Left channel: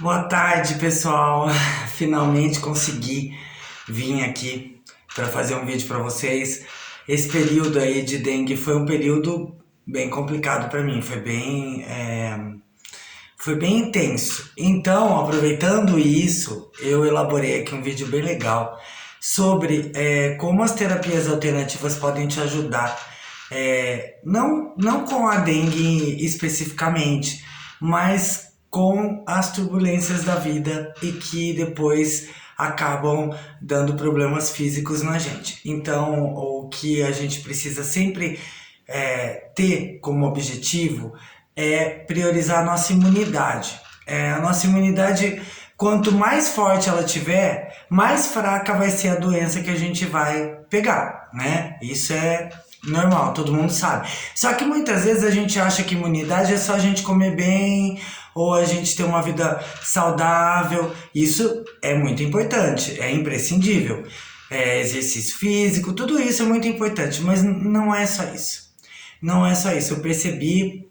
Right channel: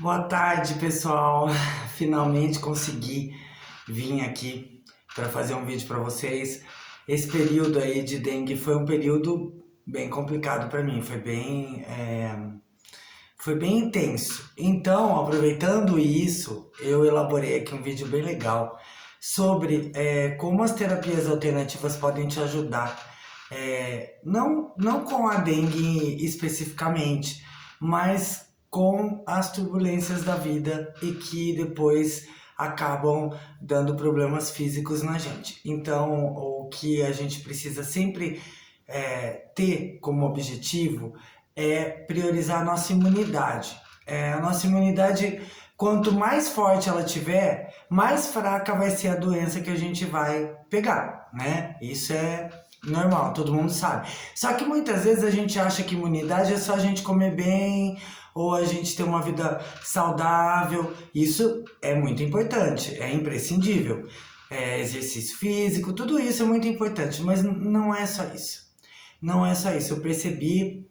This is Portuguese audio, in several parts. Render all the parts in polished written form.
Boa tarde, pessoal. Finalmente consegui vir aqui para fazer um vídeo para vocês. Esse período aí de dengue foi um período bem complicado para mim, foi bem intenso. Então, aproveitando isso, eu elaborei aqui um vídeo bem legal sobre como as terapias alternativas podem te ajudar. Não com a dengue especificamente, mas com as turbulências da vida e que depois acabam dando problemas físicos na gente. Então, o que a gente precisa sempre ter como objetivo é priorizar a nossa imunidade. A nossa imunidade, quanto mais forte ela tiver, mais fraca vai ser a doença que a gente vai pegar, né? Isso é normal, todo mundo sabe. Só que muitas vezes a gente acha que imunidade é só a gente comer bem ou a gente ter uma vida saudável. Isso é muito importante, é imprescindível. Exercício físico, tudo isso é muito importante, mas não é só isso. Não é só isso. Eu percebi,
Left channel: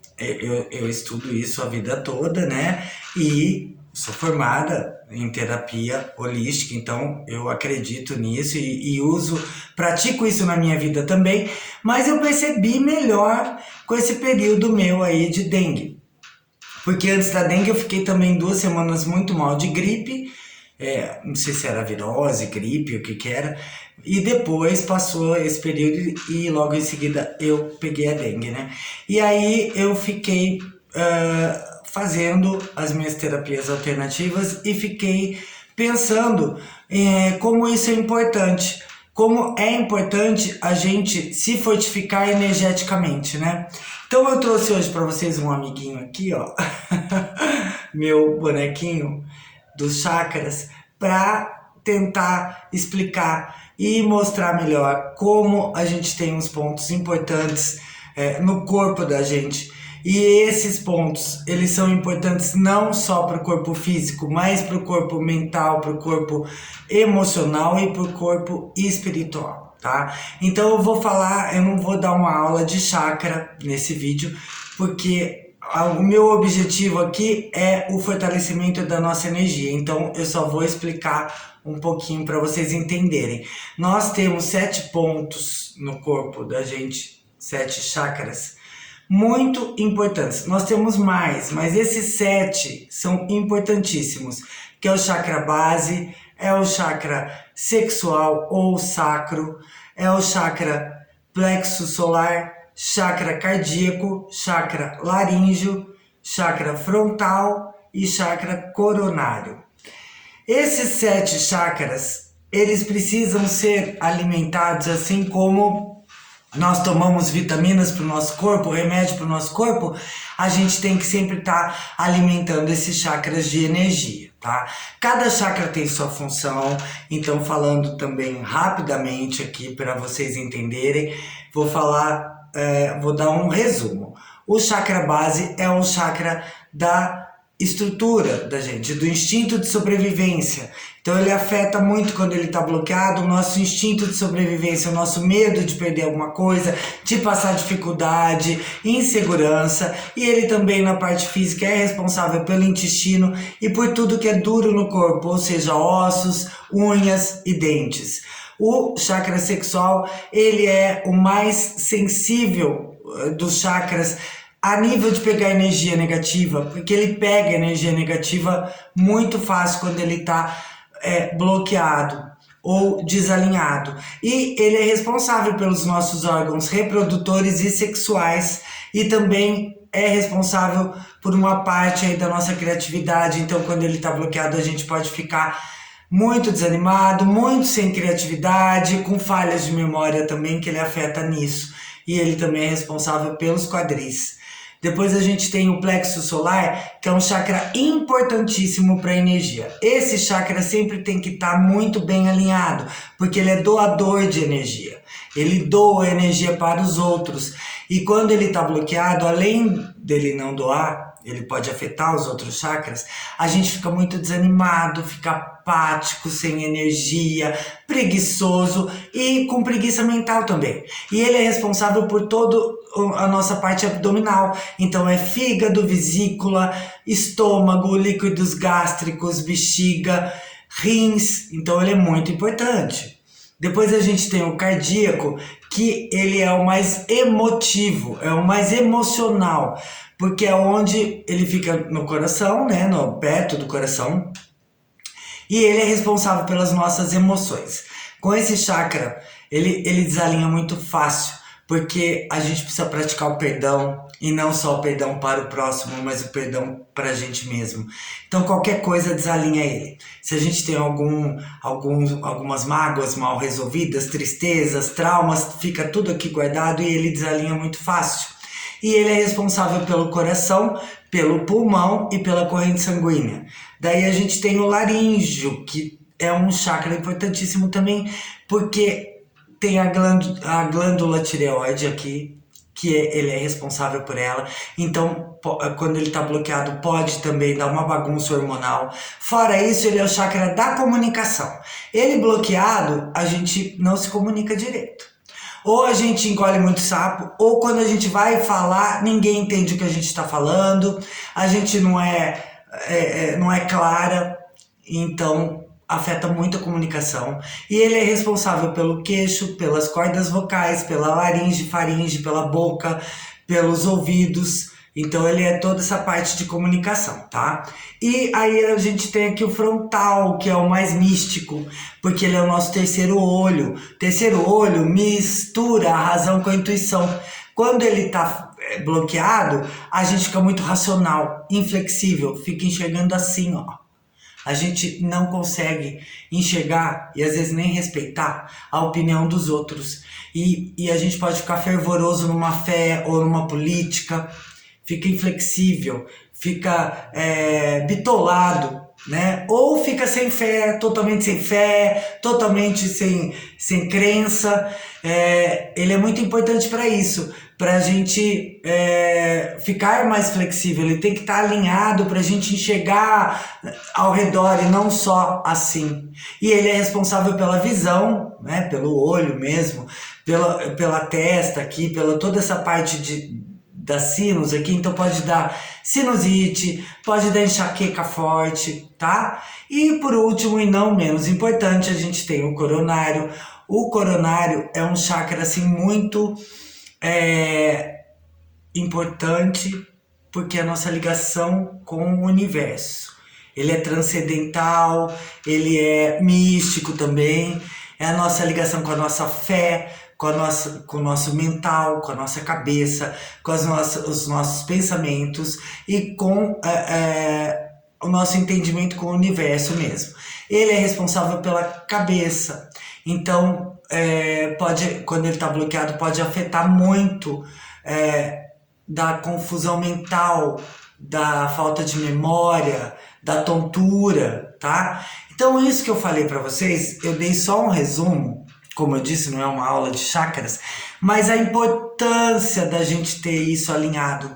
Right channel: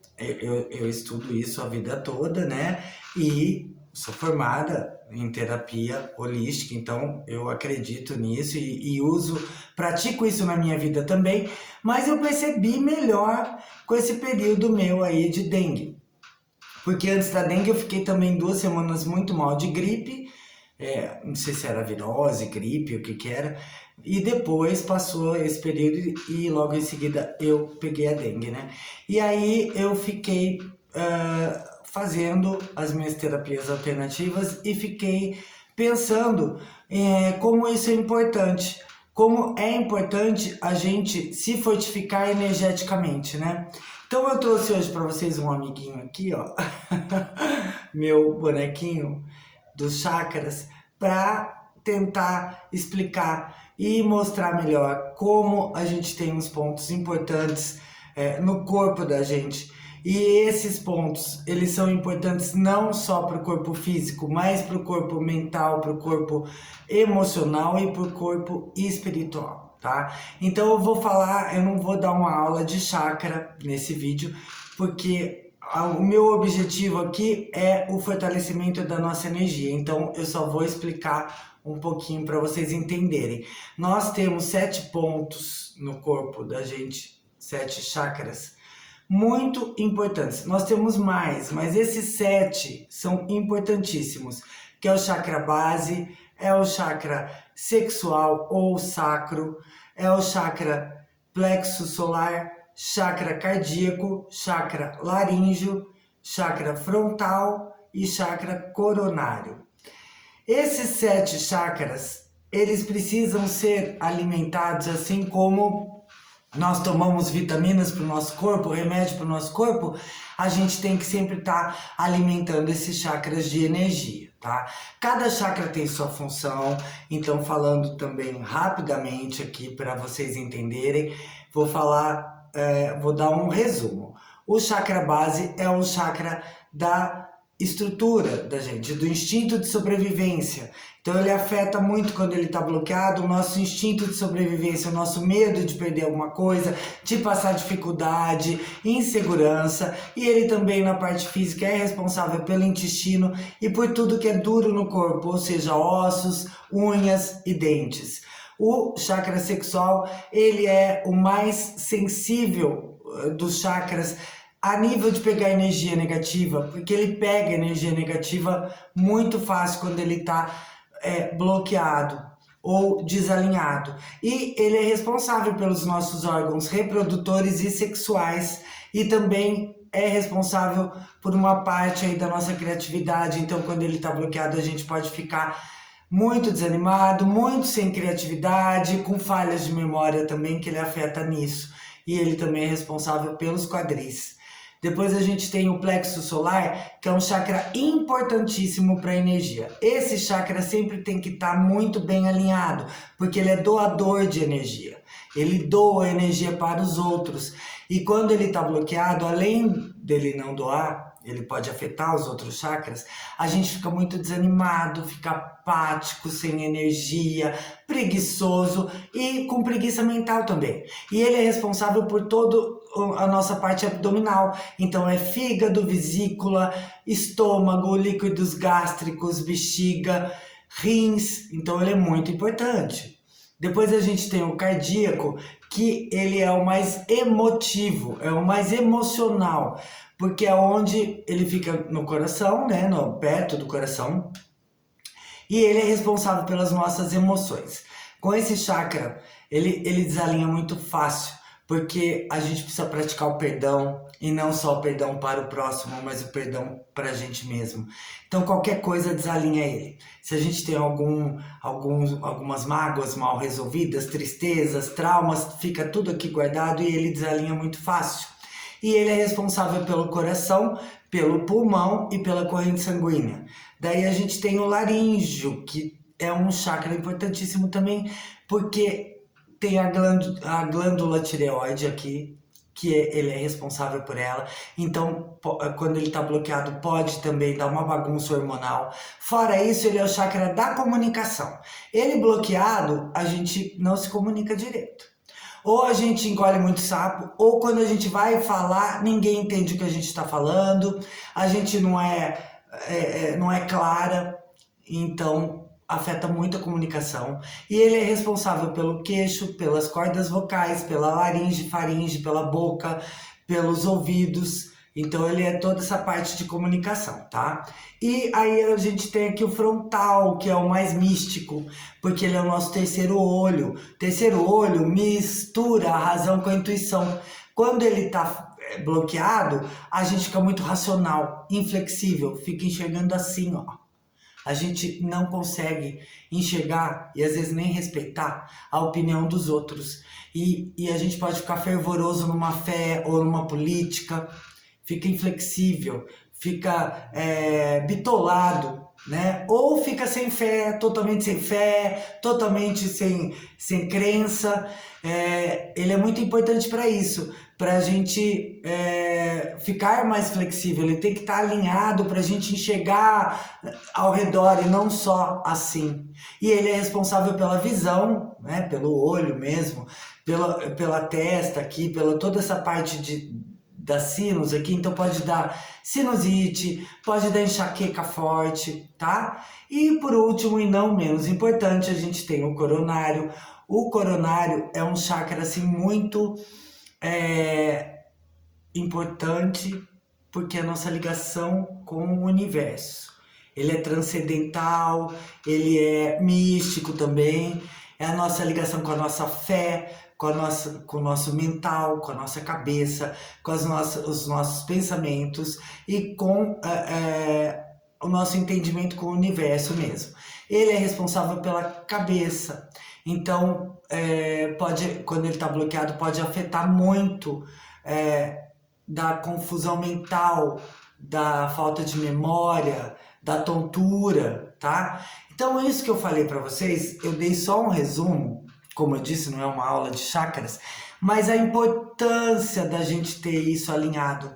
eu estudo isso a vida toda, né? E sou formada em terapia holística, então eu acredito nisso e pratico isso na minha vida também, mas eu percebi melhor com esse período meu aí de dengue. Porque antes da dengue eu fiquei também 2 semanas muito mal de gripe, não sei se era virose, gripe, o que que era, e depois passou esse período e logo em seguida eu peguei a dengue, né? E aí eu fiquei fazendo as minhas terapias alternativas e fiquei pensando como isso é importante. Como é importante a gente se fortificar energeticamente, né? Então eu trouxe hoje para vocês um amiguinho aqui, ó, meu bonequinho dos chakras, para tentar explicar e mostrar melhor como a gente tem uns pontos importantes no corpo da gente. E esses pontos, eles são importantes não só para o corpo físico, mas para o corpo mental, para o corpo emocional e para o corpo espiritual, tá? Então eu não vou dar uma aula de chakra nesse vídeo, porque o meu objetivo aqui é o fortalecimento da nossa energia. Então eu só vou explicar um pouquinho para vocês entenderem. Nós temos 7 pontos no corpo da gente, 7 chakras, muito importantes. Nós temos mais, mas esses 7 são importantíssimos, que é o chakra base, é o chakra sexual ou sacro, é o chakra plexo solar, chakra cardíaco, chakra laríngeo, chakra frontal e chakra coronário. Esses 7 chakras, eles precisam ser alimentados assim como nós tomamos vitaminas para o nosso corpo, remédio para o nosso corpo, a gente tem que sempre estar alimentando esses chakras de energia, tá? Cada chakra tem sua função, então falando também rapidamente aqui para vocês entenderem, vou dar um resumo. O chakra base é um chakra da estrutura da gente, do instinto de sobrevivência. Então ele afeta muito quando ele está bloqueado, o nosso instinto de sobrevivência, o nosso medo de perder alguma coisa, de passar dificuldade, insegurança. E ele também na parte física é responsável pelo intestino e por tudo que é duro no corpo, ou seja, ossos, unhas e dentes. O chakra sexual, ele é o mais sensível dos chakras a nível de pegar energia negativa, porque ele pega energia negativa muito fácil quando ele está bloqueado ou desalinhado. E ele é responsável pelos nossos órgãos reprodutores e sexuais e também é responsável por uma parte aí da nossa criatividade. Então, quando ele está bloqueado, a gente pode ficar muito desanimado, muito sem criatividade, com falhas de memória também, que ele afeta nisso. E ele também é responsável pelos quadris. Depois a gente tem o plexo solar, que é um chakra importantíssimo para a energia. Esse chakra sempre tem que estar muito bem alinhado, porque ele é doador de energia. Ele doa energia para os outros. E quando ele está bloqueado, além dele não doar, ele pode afetar os outros chakras, a gente fica muito desanimado, fica apático, sem energia, preguiçoso e com preguiça mental também. E ele é responsável por toda a nossa parte abdominal. Então é fígado, vesícula, estômago, líquidos gástricos, bexiga, rins. Então ele é muito importante. Depois a gente tem o cardíaco, que ele é o mais emotivo, é o mais emocional, porque é onde ele fica no coração, né, perto do coração, e ele é responsável pelas nossas emoções. Com esse chakra, ele desalinha muito fácil, porque a gente precisa praticar o perdão, e não só o perdão para o próximo, mas o perdão para a gente mesmo. Então qualquer coisa desalinha ele. Se a gente tem algumas mágoas mal resolvidas, tristezas, traumas, fica tudo aqui guardado e ele desalinha muito fácil. E ele é responsável pelo coração, pelo pulmão e pela corrente sanguínea. Daí a gente tem o laríngeo, que é um chakra importantíssimo também, porque tem a glândula tireoide aqui, que ele é responsável por ela. Então, quando ele está bloqueado, pode também dar uma bagunça hormonal. Fora isso, ele é o chakra da comunicação. Ele bloqueado, a gente não se comunica direito. Ou a gente engole muito sapo, ou quando a gente vai falar, ninguém entende o que a gente está falando, a gente não é clara, então afeta muito a comunicação. E ele é responsável pelo queixo, pelas cordas vocais, pela laringe, faringe, pela boca, pelos ouvidos. Então ele é toda essa parte de comunicação, tá? E aí a gente tem aqui o frontal, que é o mais místico, porque ele é o nosso terceiro olho. Terceiro olho mistura a razão com a intuição. Quando ele tá bloqueado, a gente fica muito racional, inflexível, fica enxergando assim, ó. A gente não consegue enxergar e às vezes nem respeitar a opinião dos outros. E a gente pode ficar fervoroso numa fé ou numa política, fica inflexível, fica bitolado, né? Ou fica sem fé, totalmente sem crença. Ele é muito importante para isso, para a gente ficar mais flexível. Ele tem que estar alinhado para a gente enxergar ao redor e não só assim. E ele é responsável pela visão, né? Pelo olho mesmo, pela testa aqui, pela toda essa parte da sinus aqui. Então pode dar sinusite, pode dar enxaqueca forte, tá? E por último, e não menos importante, a gente tem o coronário. O coronário é um chakra assim muito importante, porque é a nossa ligação com o universo. Ele é transcendental, ele é místico também, é a nossa ligação com a nossa fé, com o nosso mental, com a nossa cabeça, com os nossos pensamentos e com o nosso entendimento com o universo mesmo. Ele é responsável pela cabeça, então quando ele está bloqueado, pode afetar muito da confusão mental, da falta de memória, da tontura, tá? Então isso que eu falei para vocês, eu dei só um resumo. Como eu disse, não é uma aula de chakras, mas a importância da gente ter isso alinhado,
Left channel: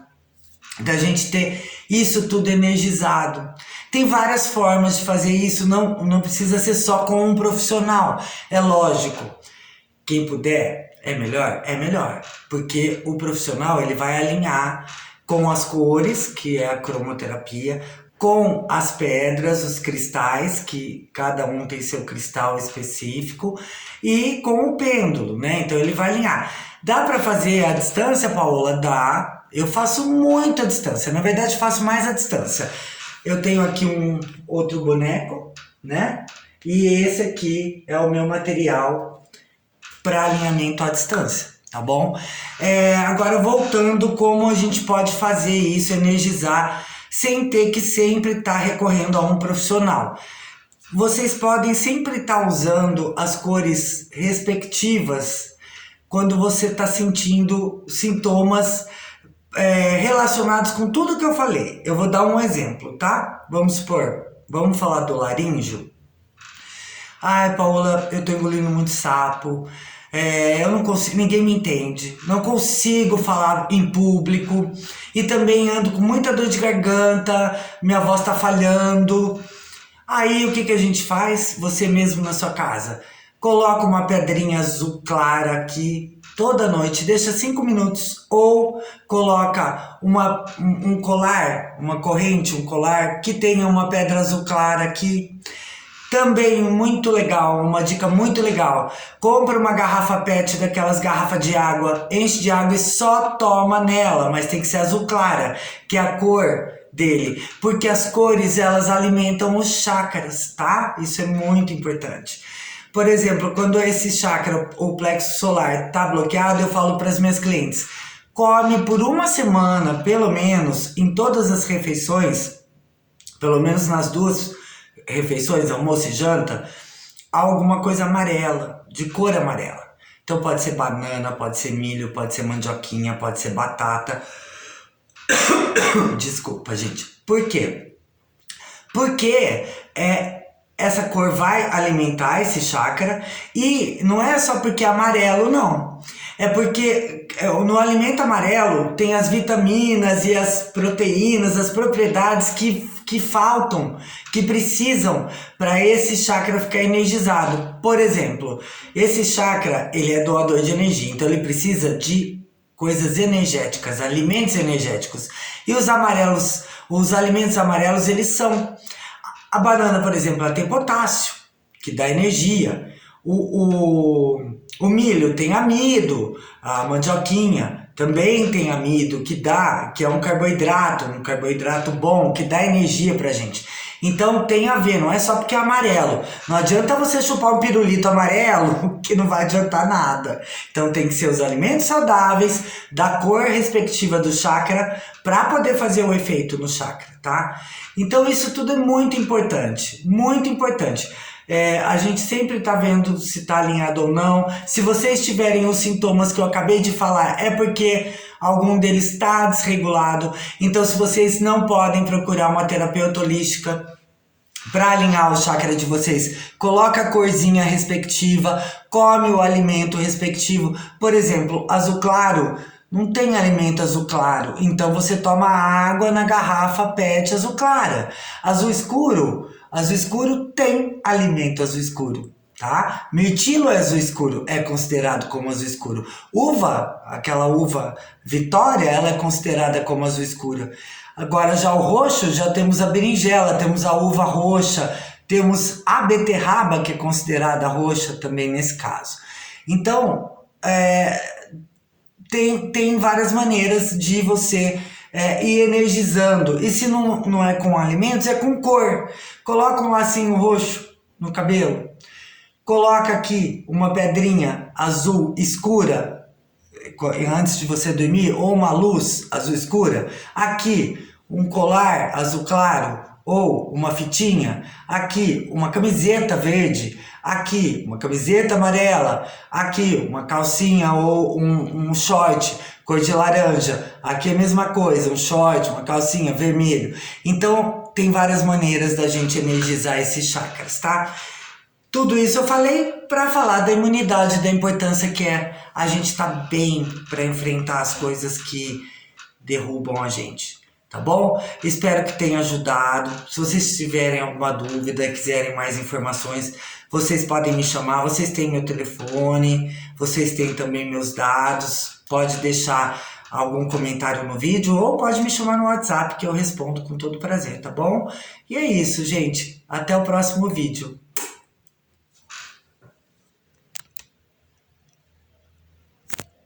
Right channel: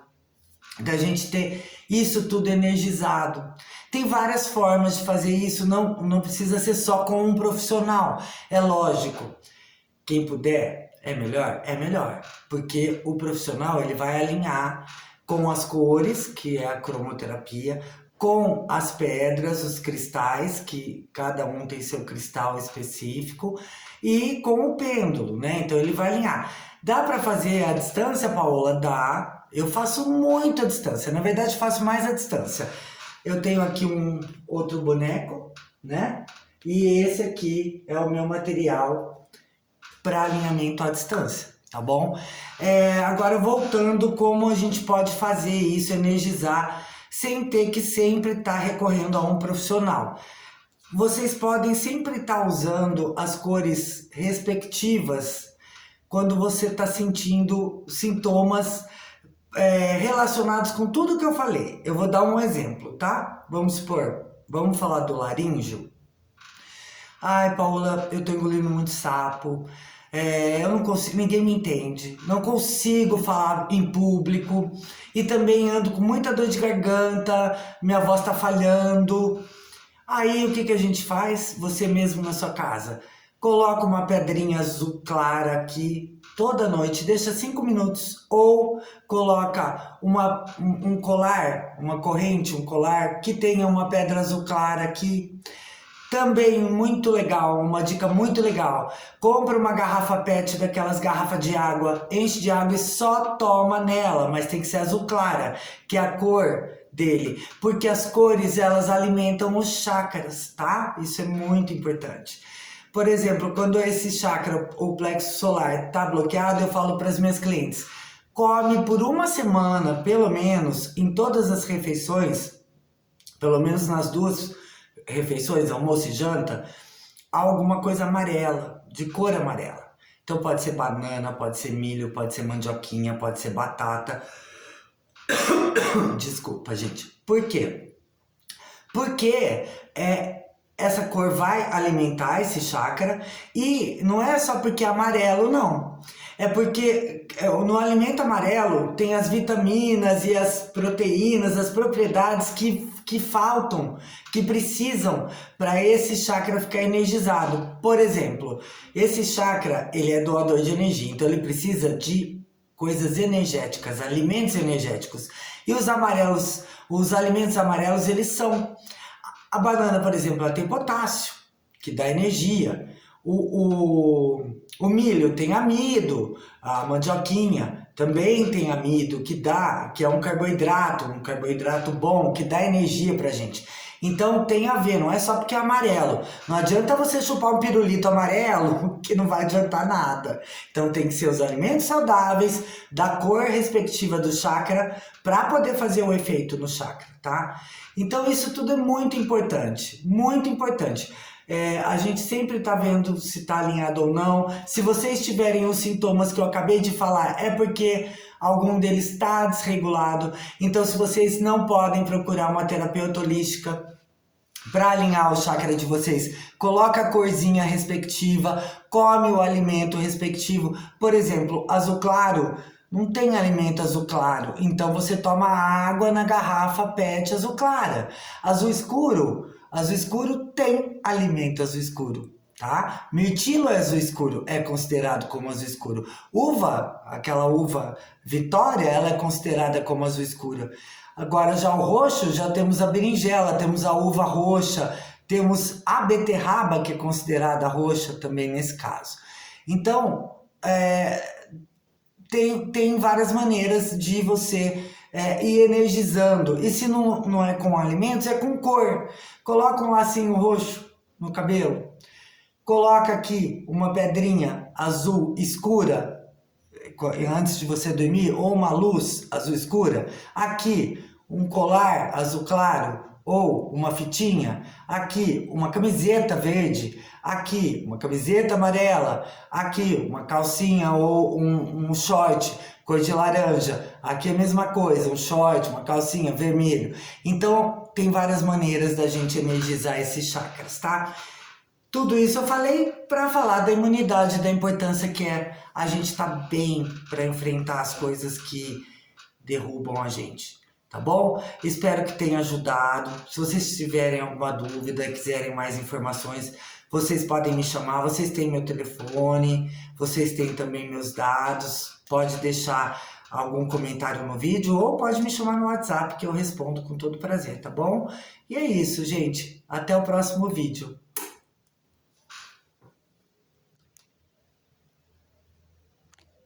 da gente ter isso tudo energizado. Tem várias formas de fazer isso, não precisa ser só com um profissional, é lógico. Quem puder, é melhor, porque o profissional ele vai alinhar com as cores, que é a cromoterapia, com as pedras, os cristais, que cada um tem seu cristal específico, e com o pêndulo, né? Então ele vai alinhar. Dá para fazer a distância, Paola? Dá. Eu faço muito a distância, na verdade faço mais a distância. Eu tenho aqui um outro boneco, né? E esse aqui é o meu material para alinhamento à distância, tá bom? Agora voltando, como a gente pode fazer isso, energizar, sem ter que sempre estar recorrendo a um profissional. Vocês podem sempre estar usando as cores respectivas quando você está sentindo sintomas relacionados com tudo que eu falei. Eu vou dar um exemplo, tá? Vamos falar do laríngeo. Ai, Paola, eu tô engolindo muito sapo, eu não consigo, ninguém me entende, não consigo falar em público e também ando com muita dor de garganta, minha voz tá falhando. Aí o que que a gente faz? Você mesmo na sua casa. Coloca uma pedrinha azul clara aqui toda noite, deixa 5 minutos. Ou coloca um colar, uma corrente, um colar que tenha uma pedra azul clara aqui. Também muito legal, uma dica muito legal. Compra uma garrafa PET daquelas garrafas de água, enche de água e só toma nela, mas tem que ser azul clara, que é a cor dele, porque as cores elas alimentam os chakras, tá? Isso é muito importante. Por exemplo, quando esse chakra, o plexo solar, tá bloqueado, eu falo para as minhas clientes: come por uma semana, pelo menos, em todas as refeições, pelo menos nas 2 refeições, almoço e janta, alguma coisa amarela, de cor amarela. Então pode ser banana, pode ser milho, pode ser mandioquinha, pode ser batata. Desculpa, gente. Por quê? Porque essa cor vai alimentar esse chakra e não é só porque é amarelo, não. É porque no alimento amarelo tem as vitaminas e as proteínas, as propriedades que faltam, que precisam para esse chakra ficar energizado. Por exemplo, esse chakra, ele é doador de energia, então ele precisa de coisas energéticas, alimentos energéticos. E os alimentos amarelos, eles são... A banana, por exemplo, ela tem potássio, que dá energia. O milho tem amido, a mandioquinha também tem amido, que é um carboidrato bom, que dá energia pra gente. Então tem a ver, não é só porque é amarelo. Não adianta você chupar um pirulito amarelo, que não vai adiantar nada. Então tem que ser os alimentos saudáveis, da cor respectiva do chakra, para poder fazer o efeito no chakra, tá? Então isso tudo é muito importante, muito importante. A gente sempre está vendo se está alinhado ou não. Se vocês tiverem os sintomas que eu acabei de falar, é porque algum deles está desregulado. Então, se vocês não podem procurar uma terapeuta holística para alinhar o chakra de vocês, coloca a corzinha respectiva, come o alimento respectivo. Por exemplo, azul claro, não tem alimento azul claro, então você toma água na garrafa PET azul clara. Azul escuro tem alimento azul escuro, tá? Mirtilo é azul escuro, é considerado como azul escuro. Uva, aquela uva Vitória, ela é considerada como azul escura. Agora já o roxo, já temos a berinjela, temos a uva roxa, temos a beterraba, que é considerada roxa também nesse caso. Então, tem várias maneiras de você ir energizando. E se não é com alimentos, é com cor. Coloca um lacinho roxo no cabelo. Coloca aqui uma pedrinha azul escura antes de você dormir, ou uma luz azul escura. Aqui um colar azul claro ou uma fitinha. Aqui uma camiseta verde. Aqui uma camiseta amarela. Aqui uma calcinha ou um short cor de laranja. Aqui é a mesma coisa, um short, uma calcinha vermelho. Então tem várias maneiras da gente energizar esses chakras, tá? Tudo isso eu falei para falar da imunidade, da importância que é a gente estar bem para enfrentar as coisas que derrubam a gente, tá bom? Espero que tenha ajudado. Se vocês tiverem alguma dúvida, quiserem mais informações, vocês podem me chamar. Vocês têm meu telefone, vocês têm também meus dados. Pode deixar algum comentário no vídeo ou pode me chamar no WhatsApp que eu respondo com todo prazer, tá bom? E é isso, gente. Até o próximo vídeo.